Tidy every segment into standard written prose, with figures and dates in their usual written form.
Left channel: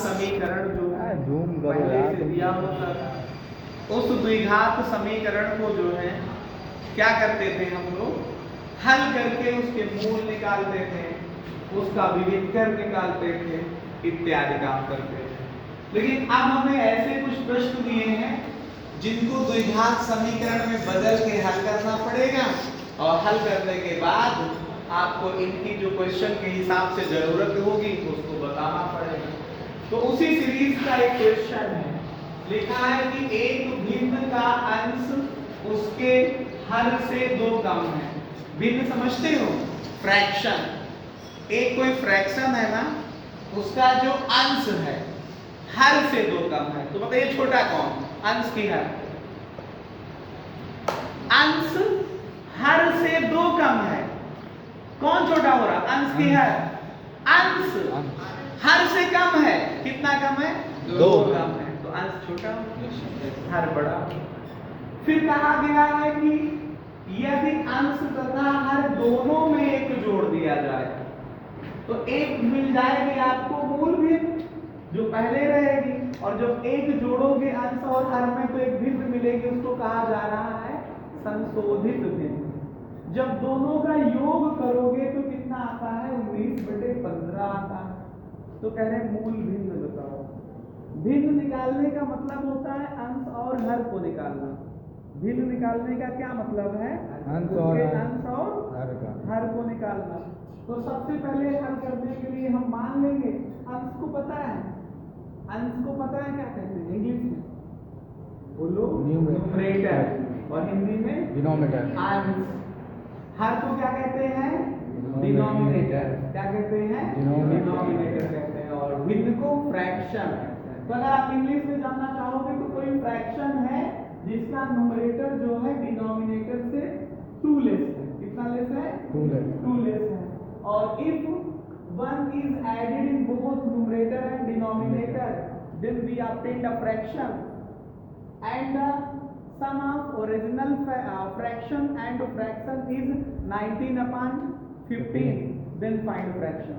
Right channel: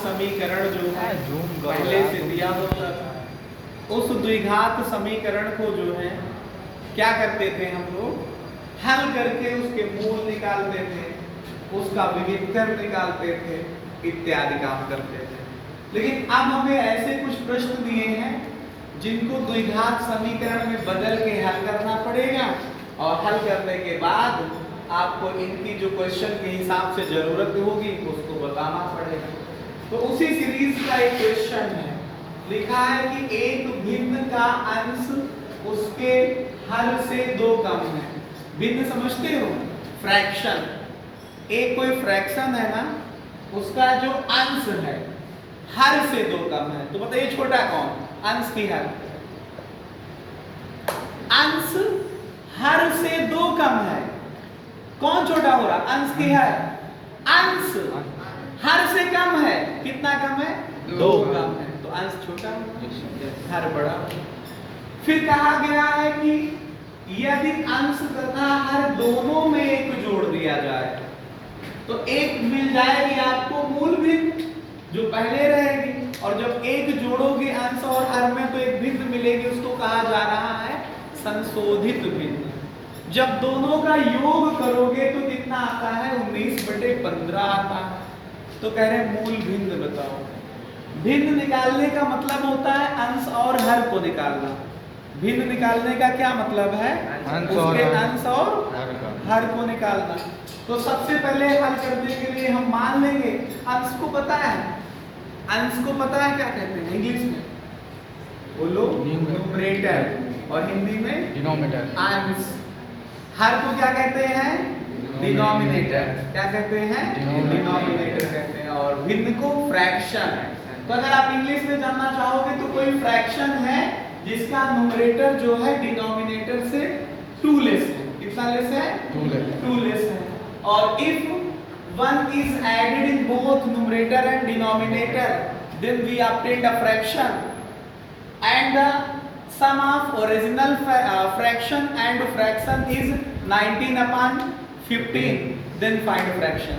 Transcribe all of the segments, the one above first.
समीकरण जो है पहले से दिया होता था, उस द्विघात समीकरण को जो है क्या करते थे हम लोग, हल करके उसके मूल निकालते थे, उसका विविधकर निकालते थे, इत्यादि काम करते थे। लेकिन अब हमें ऐसे कुछ प्रश्न दिए हैं जिनको द्विघात समीकरण में बदल के हल करना पड़ेगा, और हल करने के बाद आपको इनकी जो क्वेश्चन के हिसाब से जरूरत होगी उसको बताना पड़ेगा। तो उसी सीरीज का एक क्वेश्चन है, लिखा है कि एक भिन्न का अंश उसके हर से 2 कम है। भिन्न समझते हो, फ्रैक्शन। एक कोई फ्रैक्शन है ना, उसका जो अंश है हर से 2 कम है, तो बताइए छोटा कौन, अंश की हर। अंश हर से 2 कम है, कौन छोटा हो रहा, अंश की हर। अंश हर से कम है, कितना कम है, 2 कम है, तो अंश छोटा, हर बड़ा। फिर कहा गया है कि यदि अंश तथा हर दोनों में एक जोड़ दिया जाए तो एक मिल जाएगी आपको मूल भिन्न जो पहले रहेगी, और जब एक जोड़ोगे अंश और हर में तो एक भिन्न मिलेगी, उसको कहा जा रहा है संशोधित भिन्न। जब दोनों का योग करोगे तो कितना आता है, 19/15 आता है। तो कह रहे मूल भिन्न बताओ। भिन्न निकालने का मतलब होता है अंश और हर को निकालना। भिन्न निकालने का क्या मतलब है, उसके अंश और हर को निकालना। तो सबसे पहले हल करने के लिए हम मान लेंगे अंश को पता है, अंश को पता है क्या कहते हैं इंग्लिश में, बोलो, न्यूमरेटर, और हिंदी में डिनोमिनेटर। अंश। हर को क्या कहते हैं, डिनोमिनेटर। क्या कहते हैं, डिनोमिनेटर कहते हैं, और भिन्न को फ्रैक्शन। तो अगर आप इंग्लिश में जानना चाहोगे तो कोई फ्रैक्शन है जिसका न्यूमरेटर जो है डिनोमिनेटर से 2 लेस है। कितना लेस है, 2 लेस है। और if one is added in both numerator and denominator, then we obtain a fraction, and the sum of original fraction and fraction is 19/15, then find fraction।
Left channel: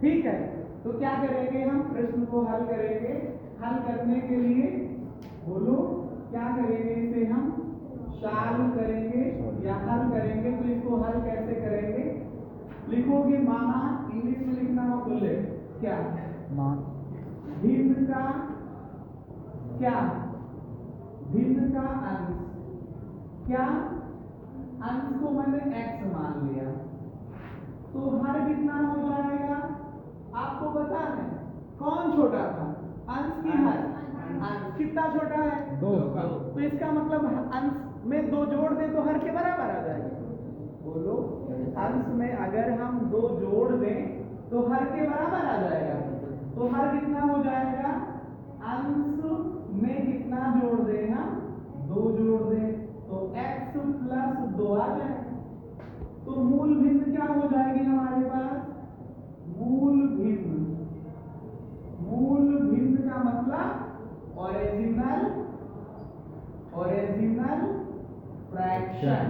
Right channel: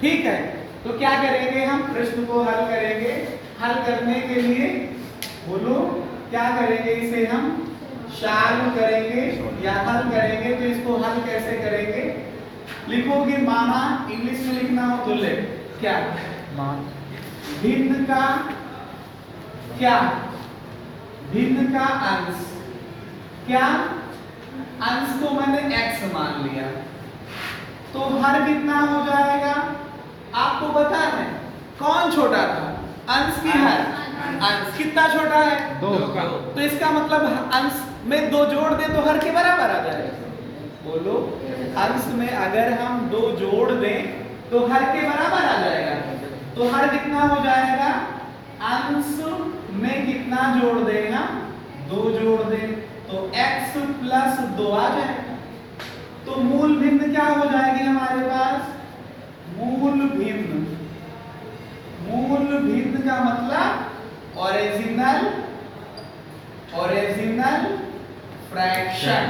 ठीक है, तो क्या करेंगे हम, प्रश्न को हल करेंगे। हल करने के लिए बोलो क्या करेंगे, इसे हम सॉल्व करेंगे या हल करेंगे। तो इसको हल कैसे करेंगे, लिखोगे माना, इंग्लिश में लिखना हो तो ले क्या, मान भिन्न का क्या, भिन्न का अंश, क्या अंश को मैंने x मान लिया, तो हर कितना हो जाएगा, आपको पता है कौन छोटा था, अंश की हर। अंश कितना छोटा है, 2 का। तो इसका मतलब अंश में 2 जोड़ दे तो हर के बराबर आ जाएगा। बोलो, अंश में अगर हम 2 जोड़ दें तो हर के बराबर आ जाएगा। तो हर कितना हो जाएगा, अंश में कितना जोड़ दें हम, 2 जोड़ दें तो x + 2 आ जाएगा। तो मूल भिन्न क्या हो जाएगी हमारे पास, मूल भिन्न। मूल भिन्न का मतलब ओरिजिनल फ्रैक्शन।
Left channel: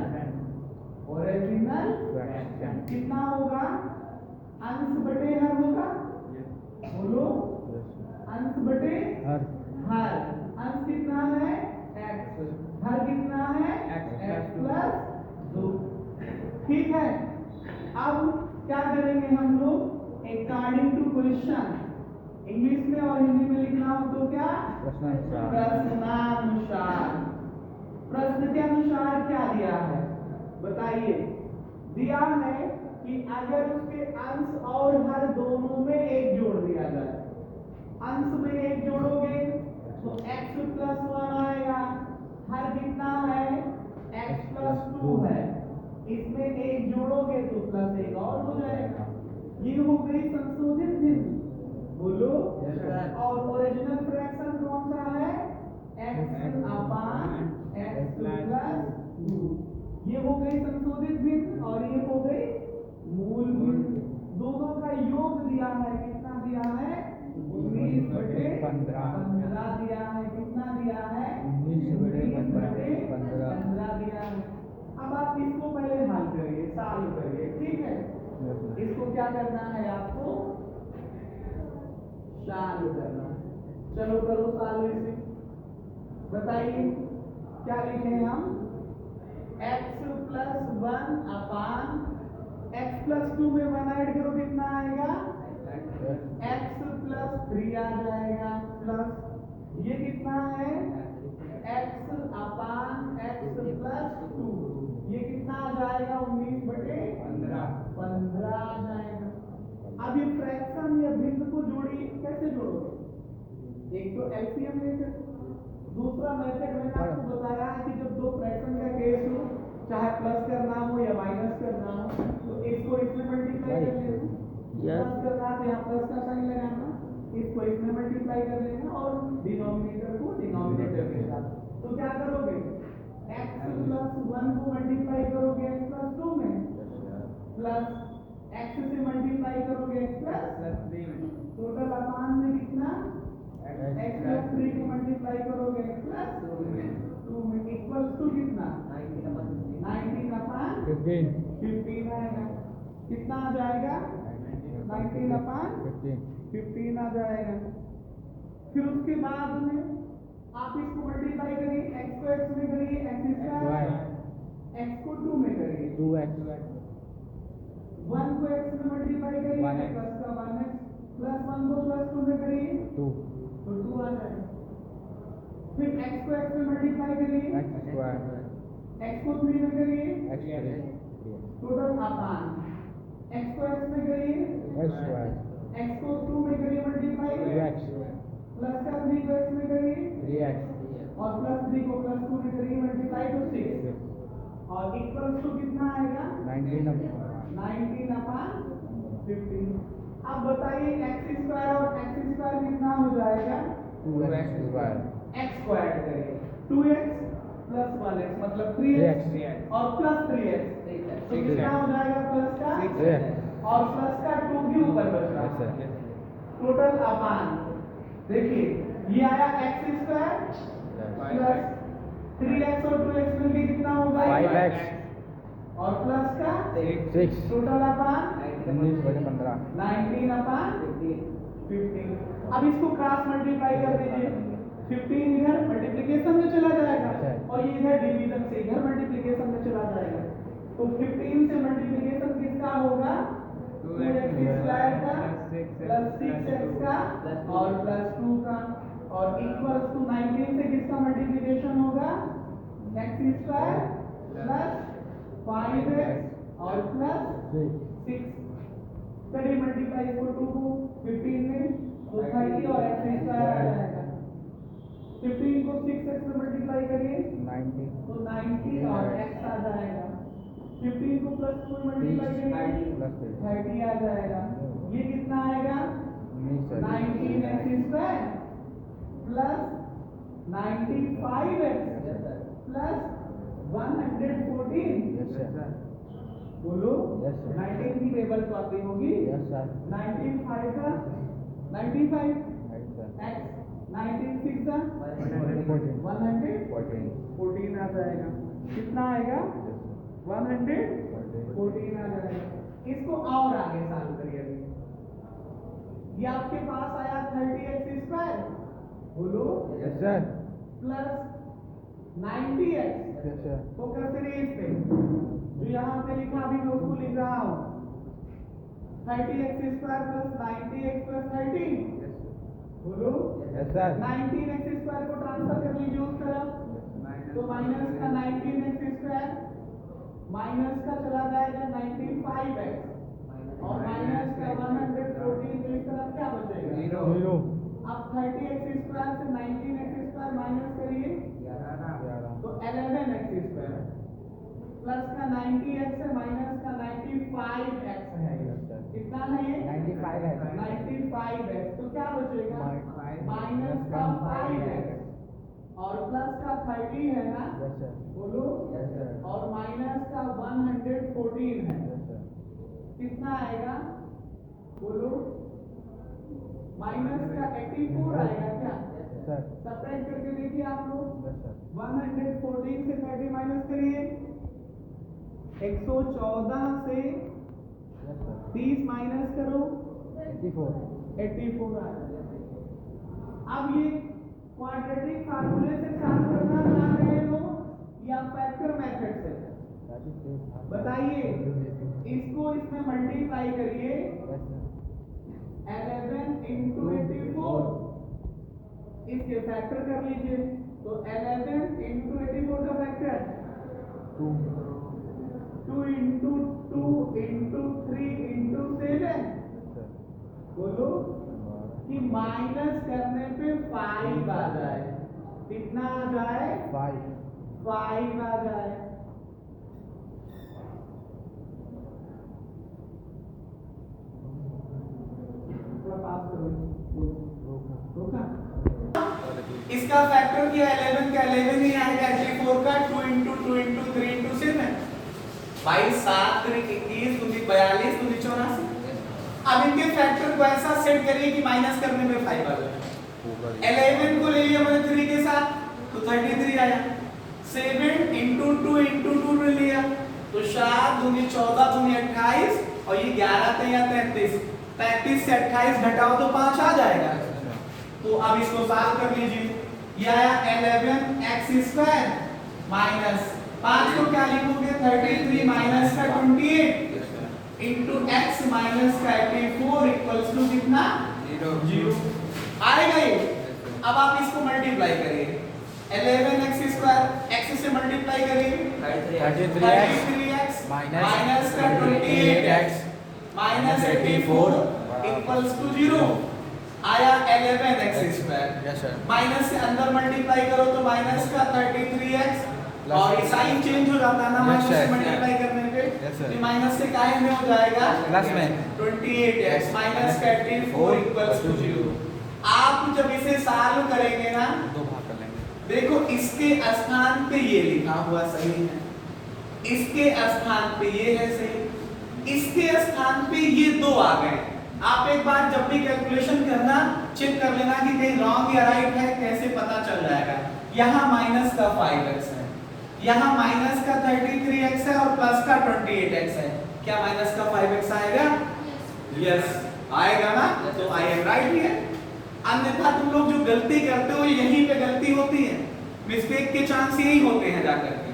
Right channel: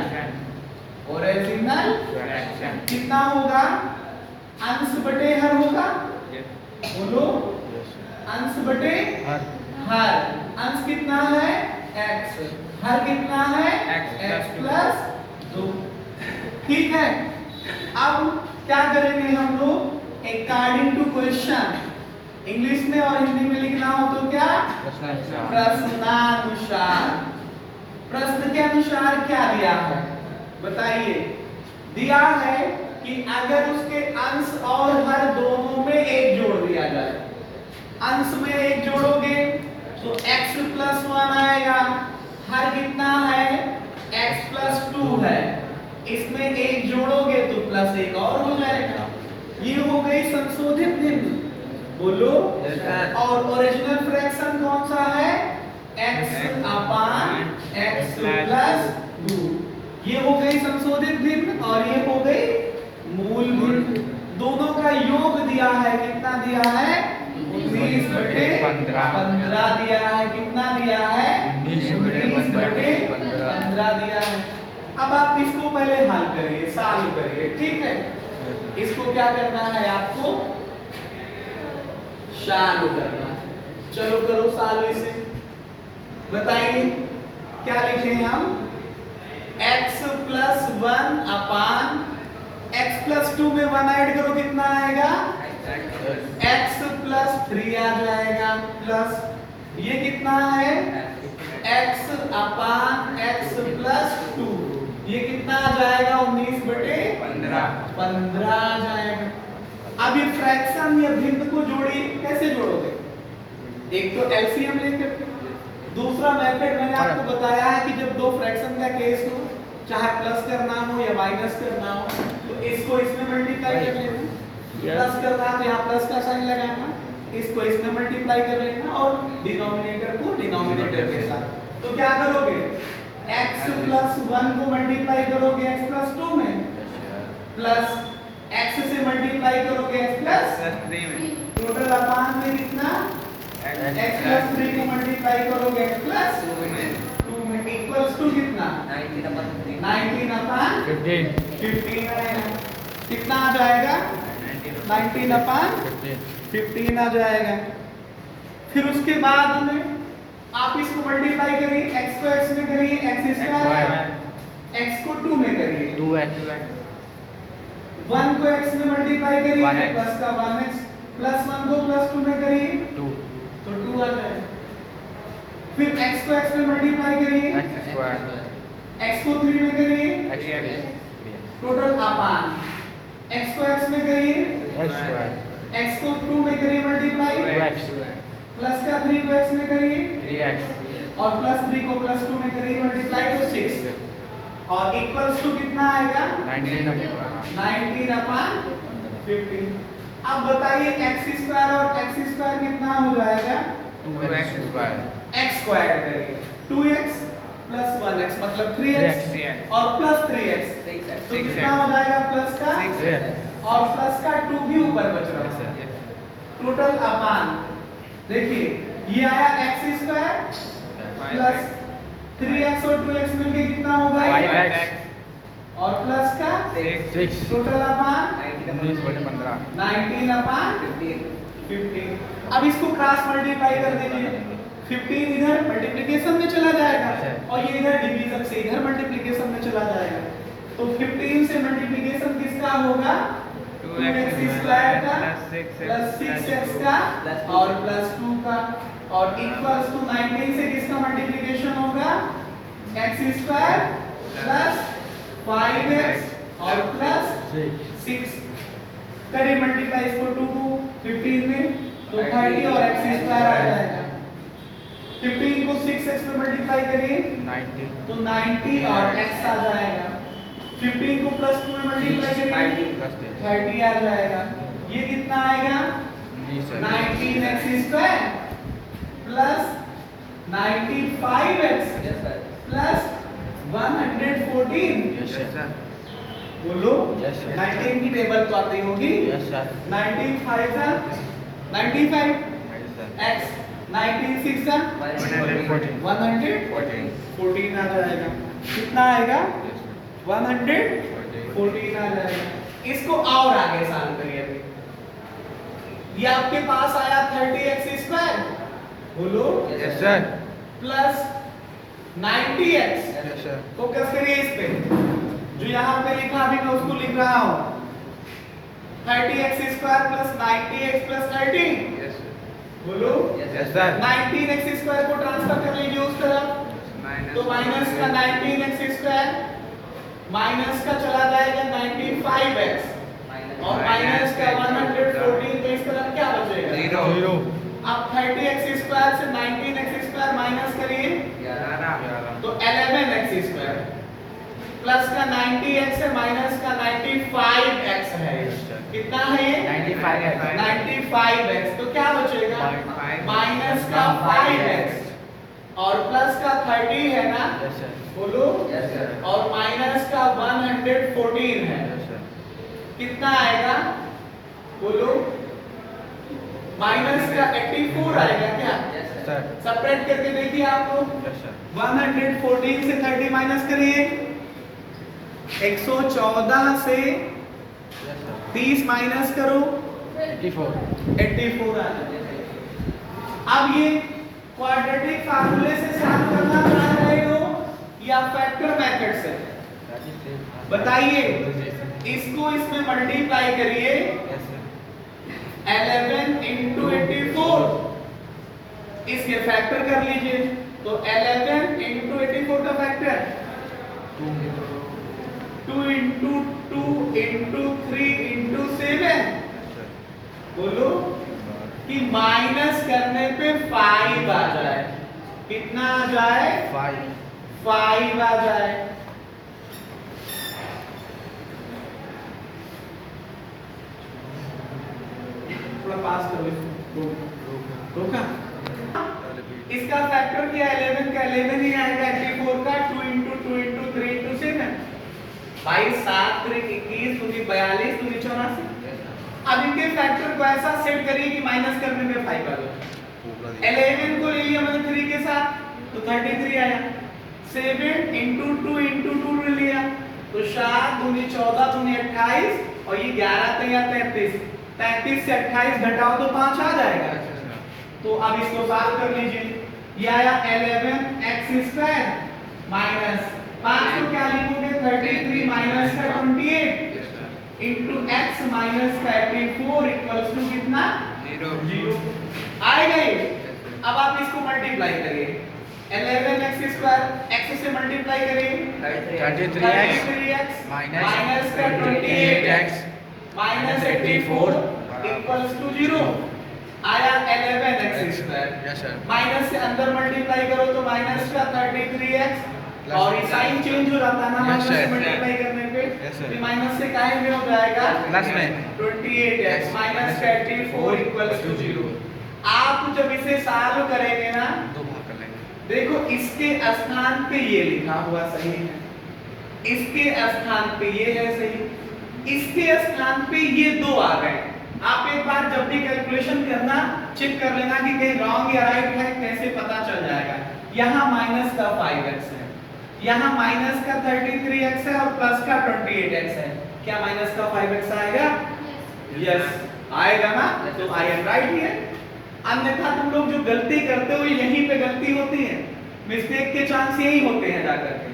ओरिजिनल फ्रैक्शन कितना होगा, अंश बटे हर होगा। बोलो, अंश बटे हर। अंश कितना है, x, हर कितना है, x + 2। ठीक है, अब क्या करेंगे हम लोग, अकॉर्डिंग टू क्वेश्चन, इंग्लिश में और हिंदी में लिखना हो तो क्या, प्रश्नानुसार। प्रश्न के अनुसार क्या दिया है बताइए, दिया है कि अगर उसके अंश और हर दोनों में एक जोड़ दिया जाए, अंश में एक जोड़ोगे तो x + 1 आएगा, हर कितना है, x + 2 है, इसमें एक जोड़ोगे तो +1 और हो जाएगा। ये हो गई संशोधित भिन्न। बोलो, और ओरिजिनल फ्रैक्शन कौन सा है, x/x + 2। ये हो गई संशोधित भिन्न और ये हो गई मूल भिन्न। दोनों का योग दिया है, कितना दिया है, 19/15 दिया है। कितना दिया है, 19/15 दिया है। अब आप इसको पहले हल करिए, सॉल्व करिए। ठीक है, इसको क्या करना है आपको, चालू करना। चलो करो चालू इसे। बताइए क्या लिखे हम? x प्लस 1 अपान x प्लस 2 में 1 ऐड करो कितना आएगा? x प्लस 3 आ जाएगा प्लस ये कितना है? x अपान x प्लस 2 ये कितना आ जाएगा? 19/15 आ जाएगा। अब ये फ्रैक्शन या भिन्न को जोड़िए। कैसे जोड़ोगे? एक तो एलसीएम लेकर, दूसरा मेथड मैंने आपको बताया है कि जब दो फ्रैक्शन का केस हो, चाहे प्लस करना हो या माइनस करना हो, तो इसको इसमें मल्टीप्लाई कर लेना। प्लस करना है तो यहाँ प्लस का साइन लगाना, इसको इसमें मल्टीप्लाई कर लेना और डिनोमिनेटर को डिनोमिनेटर के साथ। तो क्या करोगे? x प्लस 1 को मल्टीप्लाई करोगे x प्लस 2 में, प्लस x से मल्टीप्लाई करोगे x प्लस 3 में, टोटल अपान में कितना? x प्लस 3 को मल्टीप्लाई करोगे x प्लस 2 में इक्वल्स टू कितना? 19 अपान 15 आएगा। कितना आ जाएगा? 19 अपान 15 आ जाएगा। फिर उसके बाद में आप इसको मल्टीप्लाई करिए, x को x में करिए x स्क्वायर, x को 2 में करिए 2x, 1 को x में मल्टीप्लाई करिए प्लस का 1x, प्लस 1 को प्लस 2 में करिए 2 तो 2 आ जाएगा। फिर x को x में मल्टीप्लाई करिए, x स्क्वायर, x को 3 में करिए x टोटल अपान, x को x में करिए, स्क्वायर, x को 2 में करिए मल्टीप्लाई, 2x, प्लस का 3 को x में करिए 3x, और प्लस 3 को प्लस 2 में करिए मल्टीप्लाई तो 6 और इक्वल्स टू कितना आएगा? 19 अपान 15। अब बताइए x स्क्वायर और x स्क्वायर कितना हो जाएगा? 2x स्क्वायर, x स्क्वायर करिए 2x प्लस 1x मतलब 3x और प्लस 3x तो कितना हो जाएगा? प्लस का 6 और प्लस का 2 भी ऊपर बच रहा है। टोटल अपान देखिए ये आया x स्क्वायर प्लस 3x और 2x मिलके कितना होगा? 5x और प्लस का 6, टोटल अपान 19/15, 19 अपान 15। अब इसको क्रॉस मल्टीप्लाई कर दीजिए, 15 इधर मल्टीप्लिकेशन में चला जाएगा और ये इधर डिवीजन से इधर मल्टीप्लिकेशन में चला जाएगा। तो 15 से मल्टीप्लिकेशन किसका होगा? 2x स्क्वायर का प्लस 6x का और प्लस 2 का और इक्वल्स टू 19 से किसका मल्टीप्लिकेशन होगा? x स्क्वायर प्लस 5x और प्लस 6 करिए मल्टीप्लाई इसको 2 को 15 में तो 30 और x स्क्वायर आ जाएगा। 15 को 6x में मल्टीप्लाई करिए 90 तो 90 और x आ जाएगा। 15 को प्लस 2 में मल्टीप्लाई करिए प्लस 30 आ जाएगा। ये कितना आएगा? 19x square plus 95x plus 114 बोलो 19 की टेबल तो आती होगी। 19 5 का 95 x 19 6 का 114 आ जाएगा। कितना आएगा? 114 आ जाएगा। इसको और आगे सॉल्व करिए। अभी ये आपके पास आया 30x स्क्वायर बोलो प्लस 90x फोकस करिए इस पे जो यहाँ पे लिखा अभी मैं उसको लिख रहा हूँ 30x square plus 90x plus 30 बोलो 19x स्क्वायर को ट्रांसफर कर लीजिए उस तरफ तो माइनस का 19x स्क्वायर माइनस का चला जाएगा 95x और माइनस का 114 तो इस तरफ क्या बचेगा? 0। अब 30x स्क्वायर से 19x स्क्वायर माइनस करिए तो 11x स्क्वायर प्लस का 90x है माइनस का 95x है। कितना है ये? 95x तो क्या बचेगा? माइनस का 5x और प्लस का 30 है ना बोलो और माइनस का 114 है। कितना आएगा बोलो? माइनस का 84 आएगा क्या? सेपरेट करके देखिए आप लोग 114 से 30 माइनस करिए 114 से 30 माइनस करो 84 आ जाएगा। अब ये क्वाड्रेटिक फार्मूले से सॉल्व करना चाह रहे हो या फैक्टर मेथड से? बताइए, इसको इसमें मल्टीप्लाई करिए 11 into 84, इसके फैक्टर कर लीजिए। तो 11 into 84 का फैक्टर 2 into 2 into 3 into 7, बोलो कि माइनस करने पे 5 आ जाए। कितना आ जाए? 5 आ जाए। थोड़ा पास करो इसको, रोका। इसका फैक्टर क्या? 11 का 11 ही आएगा, 84 का 2 into 2 into 3 into 7, भाई 7 3 21 दूनी 42 दूनी 84। अब इनके फैक्टर को ऐसा सेट करिए कि माइनस करने में 5 आ जाए। 11 को ले लिया मैंने 3 के साथ तो 33 आया। 7 into 2 into 2 ले लिया तो 7 दूनी 14 दूनी 28 और ये 11 तैयार 33। 33 से 28 घटाओ तो 5 आ जाएगा। तो अब इसको सॉल्व कर लीजिए। ये आया 11x² माइनस 5 को क्या लिखोगे? 33 माइनस का 28 इंटू x माइनस का 84 इक्वल्स टू कितना? 0 आएगा ये। अब आप इसको मल्टीप्लाई करिए। 11x² x से मल्टीप्लाई करिए 33x माइनस का 28x माइनस 84 इक्वल्स टू 0 आया 11x² माइनस से अंदर मल्टीप्लाई करो तो माइनस का 33x और ये साइन चेंज हो जाता है ना माइनस से मल्टीप्लाई करने पे, तो माइनस से काहे में हो जाएगा प्लस में 28x माइनस का 84 इक्वल्स टू 0। आप जब इसे सॉल्व करेंगे ना देखो इसके स्थान पे ये लिखा हुआ सही है, इसके स्थान पे ये है सही, इसके स्थान पे ये 2 आ गए। आप एक बार जब भी कैलकुलेशन करना चेक कर लेना कि कहीं रॉन्ग या राइट है, कैसे पता चल जाएगा। यहाँ माइनस का 5x है, यहाँ माइनस का 33x है और प्लस का 28x है। क्या माइनस का 5x आएगा? यस आएगा ना, तो आई एम राइट हियर। अन्यथा तुम लोग जो गलती करते हो यहीं पे गलती होती है, मिस्टेक के चांस यही होते हैं जाकर के,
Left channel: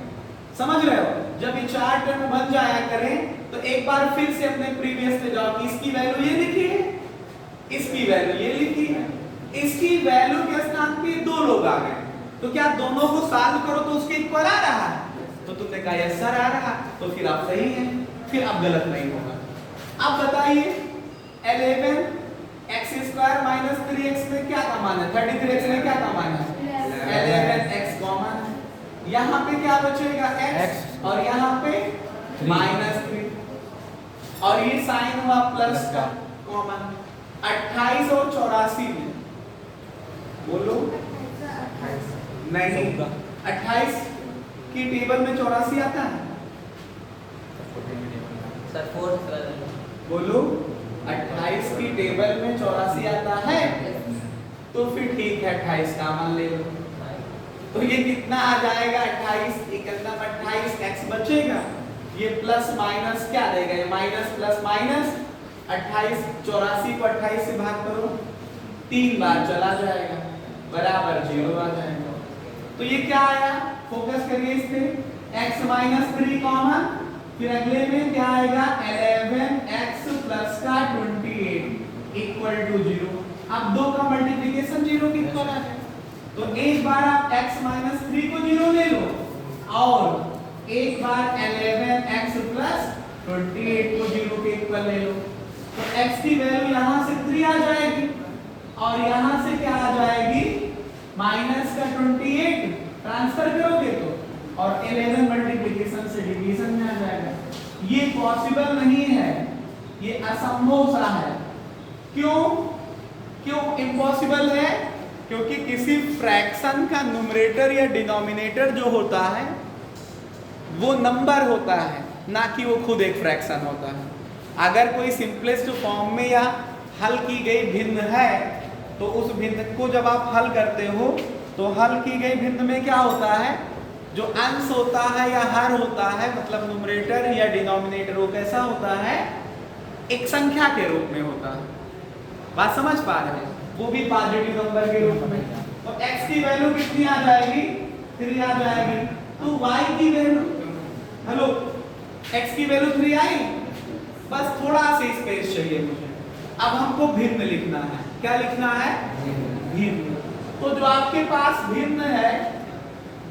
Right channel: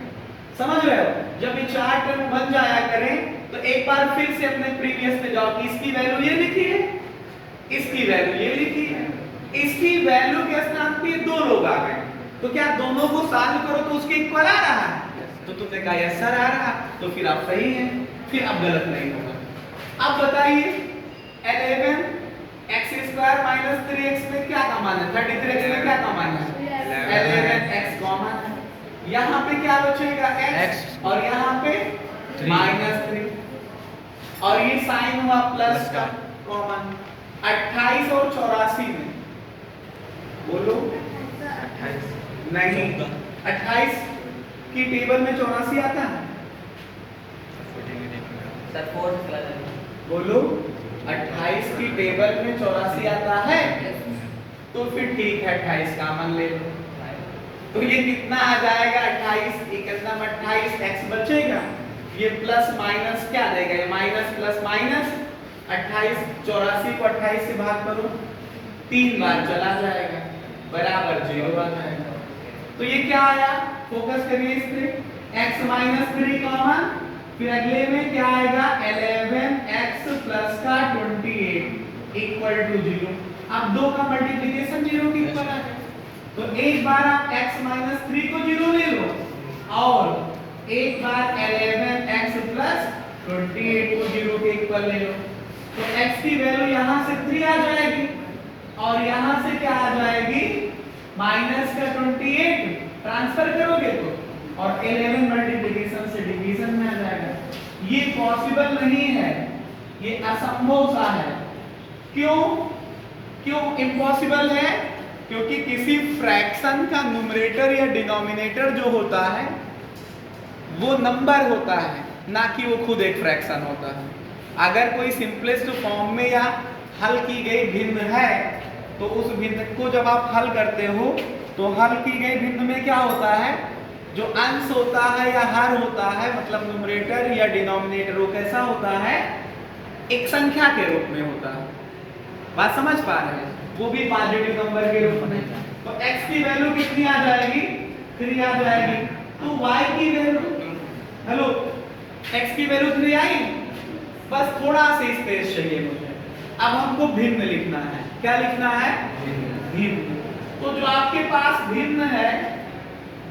समझ रहे हो। जब ये 4 टर्म बन जाया करें तो एक बार फिर से अपने प्रीवियस पे जाओ कि इसकी वैल्यू ये लिखी है, इसकी वैल्यू ये लिखी है, इसकी वैल्यू के स्थान पे 2 लोग आ गए, तो क्या दोनों को सॉल्व करो तो उसके इक्वल आ रहा है? तो तुमने कहा यस सर आ रहा, तो फिर आप सही हैं, फिर अब गलत नहीं होगा। अब बताइए 11x² माइनस 3x में क्या कॉमन है? 33x में क्या कॉमन है? 11x कॉमन है। यहाँ पे क्या बचेगा? x और यहाँ पे -3 और ये साइन हुआ प्लस का कॉमन। 28 और 84 में बोलो 28 नहीं, 28 की टेबल में 84 आता है सर 4 बोलो 28 की टेबल में 84 आता है, तो फिर ठीक है 28 कॉमन ले लो, तो ये कितना आ जाएगा? 28 इकदम 28 x बचेगा, ये प्लस माइनस क्या देगा? ये माइनस प्लस माइनस 28 84 को 28 से भाग करो 3 बार चला जाएगा बराबर 0 आ जाएगा। तो ये क्या आया? फोकस करिए इस पे, x माइनस 3 कॉमन, फिर अगले में क्या आएगा? 11x प्लस का 28 इक्वल टू 0। अब 2 का मल्टीप्लिकेशन 0 के इक्वल आ जाए, तो एक बार आप x माइनस 3 को 0 ले लो और एक बार 11x प्लस 28 को 0 के इक्वल ले लो, तो x की वैल्यू यहाँ से 3 आ जाएगी और यहाँ से क्या आ जाएगी? माइनस का 28 ट्रांसफर करोगे तो और 11 मल्टीप्लिकेशन से डिवीजन में आ जाएगा। ये पॉसिबल नहीं है, ये असंभव सा है। क्यों क्यों इम्पॉसिबल है? क्योंकि किसी फ्रैक्शन का न्यूमरेटर या डिनोमिनेटर जो होता है वो नंबर होता है, ना कि वो खुद एक फ्रैक्शन होता है। अगर कोई सिंपलेस्ट फॉर्म में या हल की गई भिन्न है तो उस भिन्न को जब आप हल करते हो तो हल की गई भिन्न में क्या होता है? जो अंश होता है या हर होता है, मतलब न्यूमरेटर या डिनोमिनेटर, वो कैसा होता है? एक संख्या के रूप में होता है। बात समझ पा रहे हैं? वो भी पॉजिटिव नंबर के रूप में। तो x की वैल्यू कितनी आ जाएगी? 3 आ जाएगी। तो y की वैल्यू, हेलो, x की वैल्यू 3 आई। बस थोड़ा सा स्पेस चाहिए मुझे। अब हमको भिन्न लिखना है। क्या लिखना है? भिन्न। तो जो आपके पास भिन्न है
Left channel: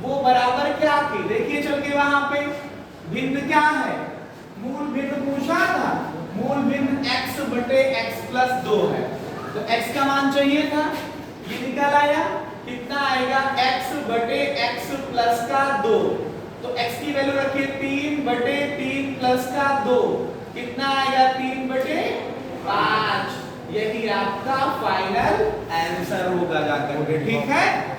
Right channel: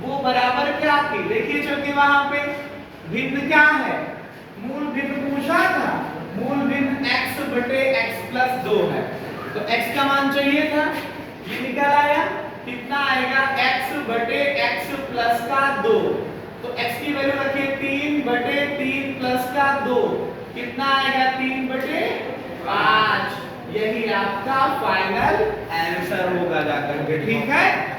वो बराबर क्या थी? देखिए चल के वहां पे भिन्न क्या है? मूल भिन्न पूछा था। मूल भिन्न x बटे x प्लस 2 है। तो x का मान चाहिए था, ये निकल आया। कितना आएगा? x बटे x प्लस का 2। तो x की वैल्यू रखिए 3 बटे 3 प्लस का 2। कितना आएगा? 3 बटे 5। यही आपका फाइनल आंसर होगा जाकर के। ठीक है।